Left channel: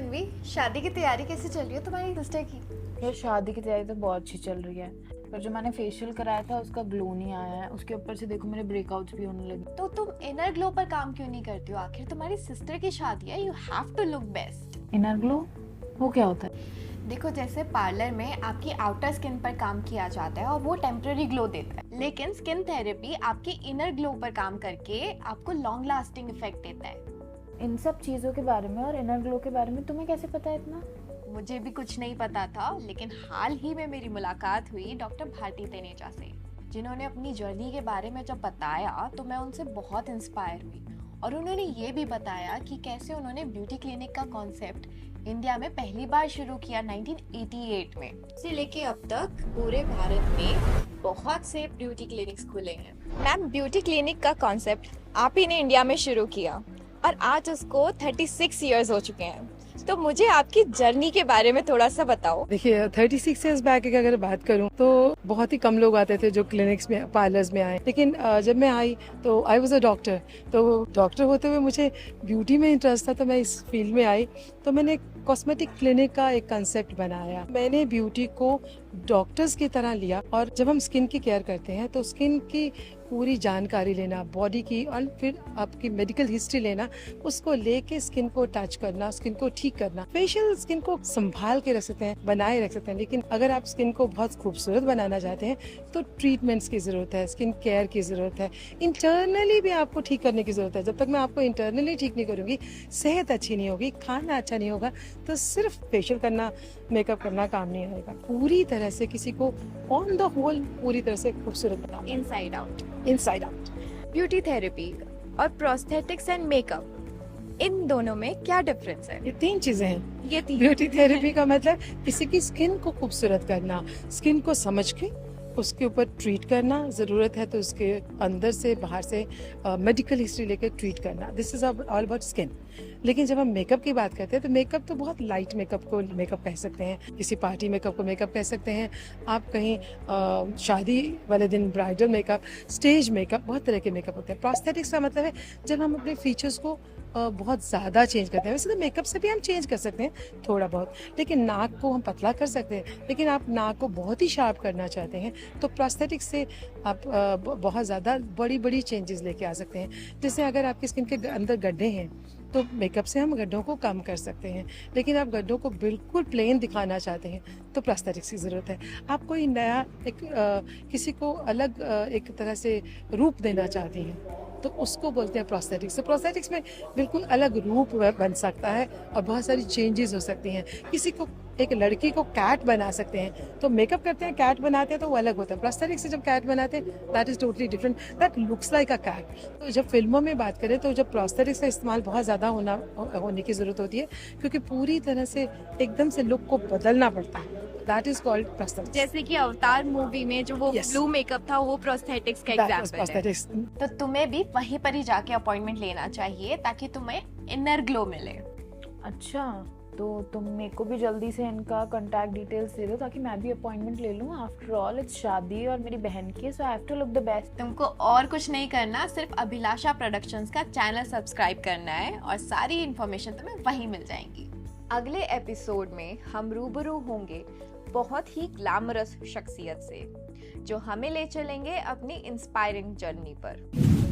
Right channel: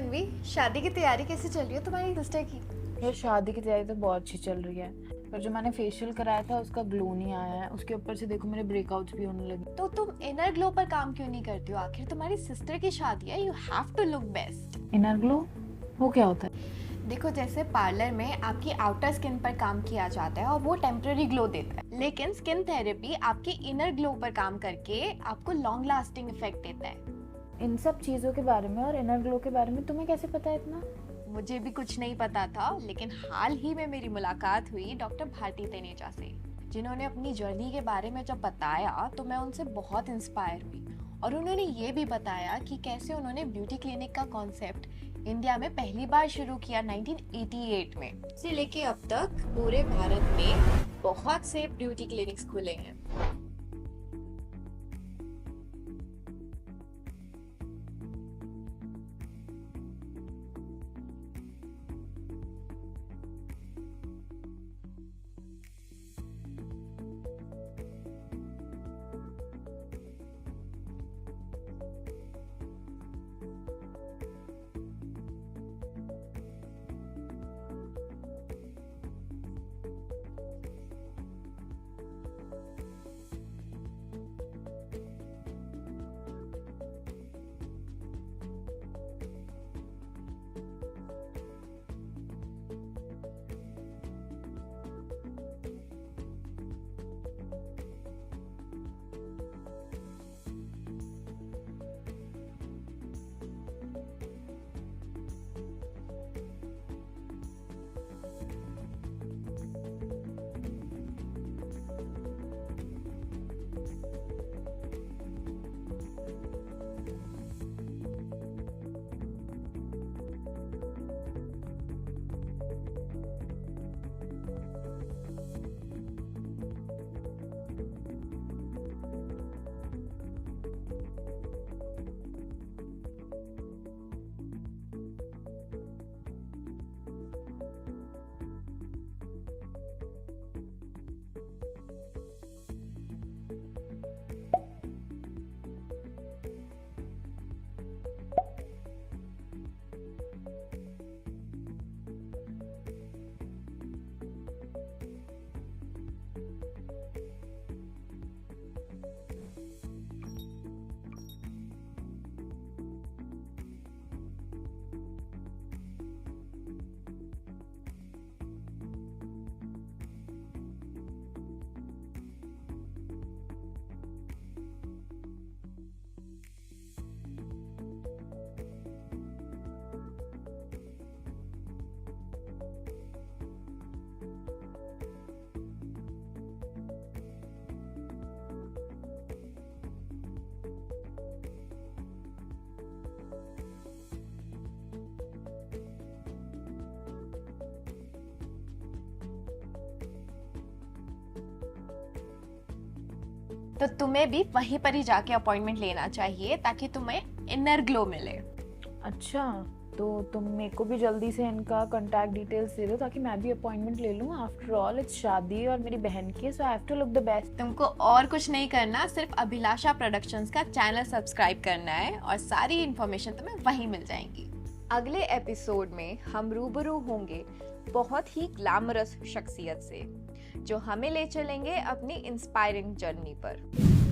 तन्वी, शादी की तैयारी कैसे चल रही है तुम्हारी सिस्टर की? यार शादी की तैयारी तो बहुत अच्छी चल रही है, पर जो मैंने फेशियल कराया था उसका ग्लो नहीं आया है। उसके ऊपर से देखो मेरे ब्रेकआउट्स भी होने लगे। तो तुम इनर ग्लो पर काम क्यों नहीं करती हो? आखिर तुम्हारी सिस्टर की शादी है, you have to look best. Inner glow वो क्या होता है? देखो, जैसे पार्लर में आपकी आउटर स्किन पर काम किया जाता है और वो टेम्पररी ग्लो देता है, लेकिन स्किन थेरेपी आपकी इनर ग्लो पर काम करके आपको लॉन्ग लास्टिंग इफेक्ट देता है। इन सब चीज़ों के बारे में और इनर ग्लो के बारे में तुम्हें कैसे पता है इतना? मुझे भी कुछ नहीं पता था, लेकिन हाल ही में मेरी मुलाकात हुई डॉक्टर भारती तनेजा से, जिन्होंने अपनी जर्नी के बारे में जब बताया तो मैं उनसे बहुत इंस्पायर हुई। और उन्होंने ये भी बताया कि कैसे उन्होंने ब्यूटी क्लिनिक का कॉन्सेप्ट इंडिया में पहली बार शुरू किया 1988 में। से लेके अब तक पूरे भारत में बहुत से ब्यूटी क्लिनिक्स खुले हैं। मैम, ब्यूटी क्लिनिक का कॉन्सेप्ट आप ही ने इंडिया में शुरू किया और आज उसको 36 इयर्स हो चुके हैं। तो मुझे आपकी जर्नी के बारे में थोड़ा सा बताओ। देखिए 36 इयर्स बैक की अगर बात करूं तो बहुत ही कम लोग आते थे जो क्लिनिक्स में पार्लर्स में आए, लेकिन जब मैं आई तो आई वाज अ डॉक्टर। तो डॉक्टर होते हुए मुझे ब्यूटी में इंटरेस्ट था, तो मैं इस फील्ड में आई। तो मैंने कॉस्मेटिक क्लिनिक का एक कंसेप्ट बनाया। मैंने ब्यूटी को डॉक्टर्स की तरह लिया, और जब हम स्किन की केयर करते हैं तो स्किन की पूरी जानकारी लेना, बॉडी की, और फिर आपकी मेडिकल हिस्ट्री लेना, उसको लेके स्किन को टच करना, स्किन को ठीक करना। फेशियल स्किन को संभाल के रख सकते हैं, बनाए रख सकते हैं, लेकिन अगर आप स्किन को बहुत खूबसूरत बनाना चाहते हैं तो ट्रीटमेंट्स की जरूरत है, स्किन केयर की जरूरत है, इंटरनली भी आपको ठीक करने की जरूरत है। जब तक मैं आपको इंटरनली ठीक नहीं करूंगी, सेहत अच्छी नहीं होगी, खाना अच्छा नहीं होगा, तो सिर्फ फेशियल करना, मेकअप करना काम नहीं आएगा। पूरी तरह से किसी को ऑन द होल पूरी तरह से खूबसूरत बनाओ, inside out. Inside out. Beauty therapy और प्रोस्थेटिक्स एंड मेकअप, इन दोनों में क्या डिफरेंस है? ये 3 चीजें हैं। ये तीन। ब्यूटी थेरेपी का मतलब किसी की स्किन को खूबसूरत करना, स्किन को समझ के उसके ऊपर ट्रीट करना, जरूरत है तो उसके अंदर से बाहर से मेडिकल हिस्ट्री लेकर ट्रीट करना। This is all about skin. लेकिन जब हम मेकअप की बात करते हैं तो मेकअप तो बहुत लाइट मेकअप को मेकअप कह सकते हैं, किसी पार्टी मेकअप को मेकअप कह सकते हैं, आप कहीं शादी वाले दिन ब्राइडल मेकअप, स्टेज मेकअप, बहुत तरह के मेकअप होते हैं। प्रोस्थेटिक्स का मतलब है जब हम अपने फीचर्स को बहुत ज़्यादा चेंज करते हैं। वैसे तो मेकअप से भी हम चेंज कर सकते हैं थोड़ा बहुत, लेकिन नाक को हम पतला कर सकते हैं, लेकिन आप नाक को बहुत ही शार्प करना चाहते हैं तो प्रोस्थेटिक्स से आप बहुत ज़्यादा बड़ी बड़ी चेंजेस लेके आ सकते हैं। जैसे अगर आपकी स्किन के अंदर गड्ढे हैं तो मेकअप से हम गड्ढों को कम कर सकते हैं, लेकिन आप गड्ढों को बिल्कुल प्लेन दिखाना चाहते हैं तो प्रोस्थेटिक्स की ज़रूरत है। आप कोई नया किसी को अलग एक तरह से रूप देना चाहते हैं तो उसको बोलते हैं प्रोस्थेटिक्स। तो प्रोस्थेटिक्स में बिल्कुल अलग रूप बन सकता है और बहुत सारी चेंजेस हो सकती हैं। किसी को, एक लड़की को कैट बना सकते हैं, तो मेकअप करते हैं कैट बनाते हैं तो वो अलग होता है। प्रोस्थेटिक्स से जब कैट बनाते हैं that is totally different, that looks like a cat. तो जब फिल्मों में बात करें तो जब प्रोस्थेटिक्स का इस्तेमाल बहुत ज़्यादा होने की ज़रूरत होती है, क्योंकि पूरी तरह से एकदम से लुक को बदलना पड़ता है। That is called prosthetics. जैसे कि अवतार मूवी में जो वो Yes. ब्लू मेकअप था, वो प्रोस्थेटिक्स का That was एग्जांपल है। prosthetics. तो तुम्हें भी वहीं पर ही जाके अपॉइंटमेंट लेना चाहिए ताकि तुम्हें इनर ग्लो मिले। अच्छा, तो तुम मेरे को भी जल्दी से इनका कॉन्टैक्ट डिटेल्स दे दो ताकि मैं भी अपॉइंटमेंट ले लूँ। आफ्टर ऑल इट्स शादी और मेरी बहन की है, so I have to look the best. तुमको और कुछ नहीं करना, सिर्फ अभिलाषा प्रोडक्शंस का चैनल सब्सक्राइब करना है और सारी इन्फॉर्मेशन तुम्हें वहीं मिल जाएंगी। अगले एपिसोड में हम रूबरू होंगे बहुत ही ग्लैमरस शख्सियत से, जो हमें ले चलेंगे अपनी इंस्पायरिंग जर्नी पर।